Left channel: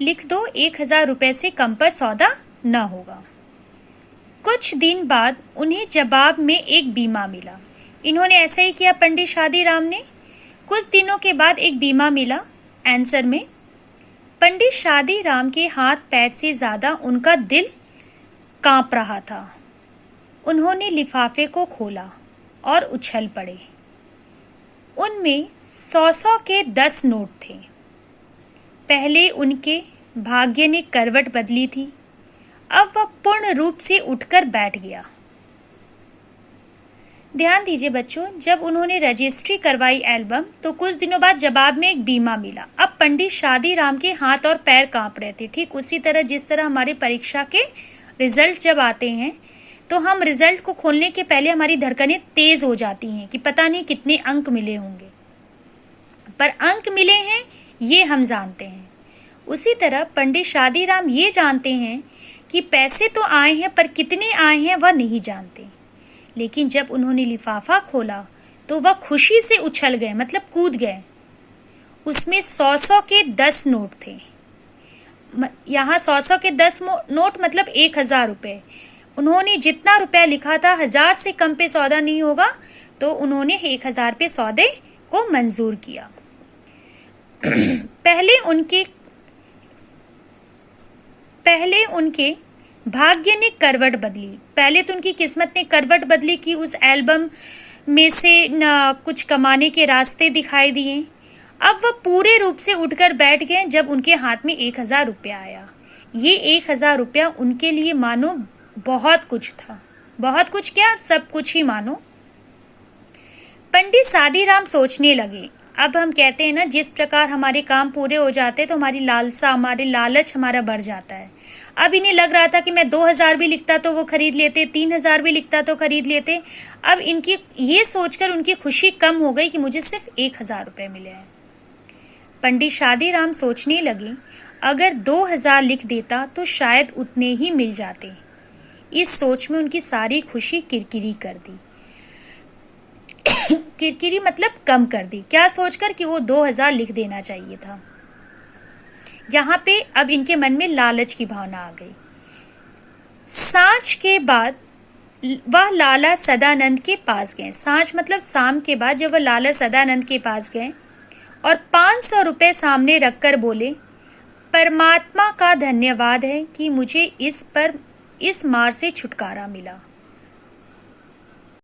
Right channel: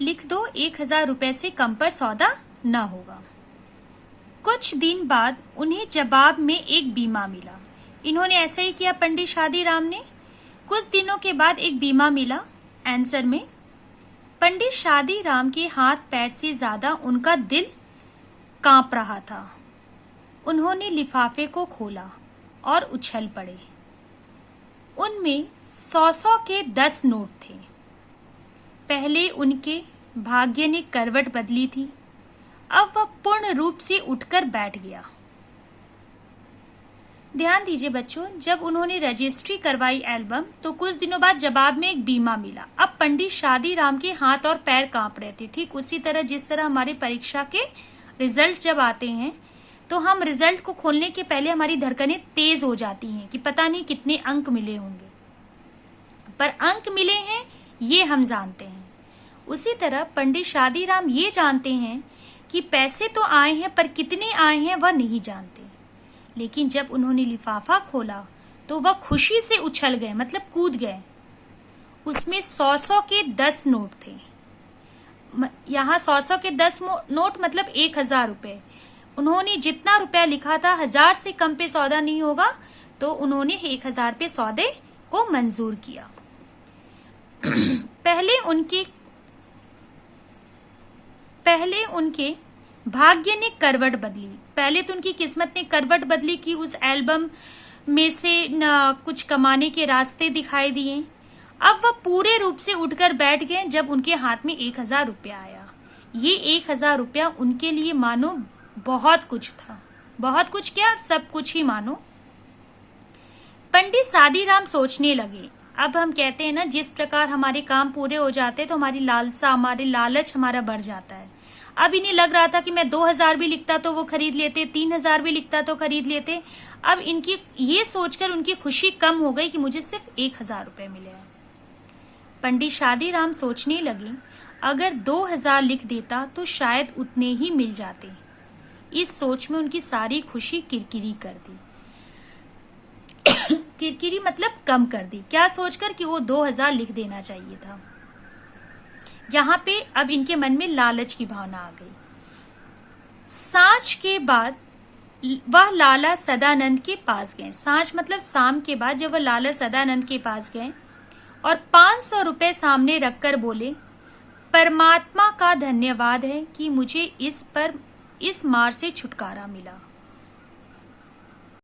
लिख दो 1,000 रुपए से कम पर सौदा न होगा। कुछ दिन बाद उन्हें जवाब में एक बीमा मिला। इन्होंने ऐसा ही किया पंडित शादीराम ने। कुछ दिनों के बाद एक बीमा मिला आंसर में। पंडित शादीराम के हाथ पैर से ज्यादा उनका दिल कांप रहा था। उन्होंने लिफाफे को खोला और उछल पड़े। उनमें 100 के 10 नोट थे। पहले उनके भाग्य ने करवट बदली थी। अब वह पूर्ण रूप से उठकर बैठ गया। ध्यान दीजिए बच्चों, जब उन्होंने रजिस्ट्री करवाई एल्बम तो कुछ दिनों बाद जवाब में एक बीमा मिला। अब पंडित शादीराम के हाथ और पैर कांप रहे थे। ठीक उसी तरह जिस तरह हमारी परीक्षा के रिजल्ट जब आते हैं तो हम रिजल्ट को खोलने के पहले हमारी धड़कनें तेज हो जाती हैं कि पता नहीं कितने अंक मिले होंगे, पर अंक मिले हैं ये हम जानते हैं। उसी तरह पंडित शादीराम ये जानते हैं कि पैसे तो आए हैं पर कितने आए हैं वह नहीं जानते। लेकिन जब उन्होंने लिफाफा खोला तो वह खुशी से उछल गए, मतलब कूद गए। उसमें 100 के 10 नोट थे। यहाँ 100 के 10 नोट मतलब 1,000 रुपए। उन्होंने जितना रुपया लिखा था 1000 से कम पे सौदा नहीं होगा, तो उन्होंने 1,000 पे सौदे को मंजूर किया। पहले उनके भाग्य ने करवट बदली। पहले तो उनकी किस्मत ने करवट बदली कि उस एल्बम में से कुछ कमाने के रास्ते दिखाई दिए। अब वह पूरे रूप से उठकर बैठ गए जब उनके हाथ में 1,000 रुपया आया। ये 1,000 रुपया उनके लिए मानो बहुत कुछ था। बहुत कुछ क्या, सब कुछ ही मानो। पंडित शादीराम सोचने लगे। अब हम कहते हैं ना, जिस प्रकार हमारे काम पूरे हो जाते हैं तो हमारी लालसा, हमारे लालच हमारा बढ़ जाता है। अब इन्हें लग रहा था कि मैं 2,000 भी लिखता तो वो खरीद लेते, 3,000 भी लिखता तो खरीद लेते। अब इनकी ये सोचकर उनकी खुशी कम हो गई कि मुझे सिर्फ 1,000 रुपये मिले हैं। पंडित शादीराम सोचने लगे, अगर 2,000 लिख देता तो शायद उतने ही मिल जाते। इस सोच में उनकी सारी खुशी किरकिरी कर दी। किरकिरी मतलब कम कर दी। क्या सोचकर कि वो 2,000 लिख देना चाहिए था। यहाँ पे अब इनके मन में लालच की भावना आ गई। सांझ के बाद वह लाला सदानंद के पास गए। सांझ मतलब शाम के बाद जब वह लाला सदानंद के पास गए और 500 रुपये सामने रखकर बोले, परमात्मा का धन्यवाद है कि मुझे इस मार से छुटकारा मिला।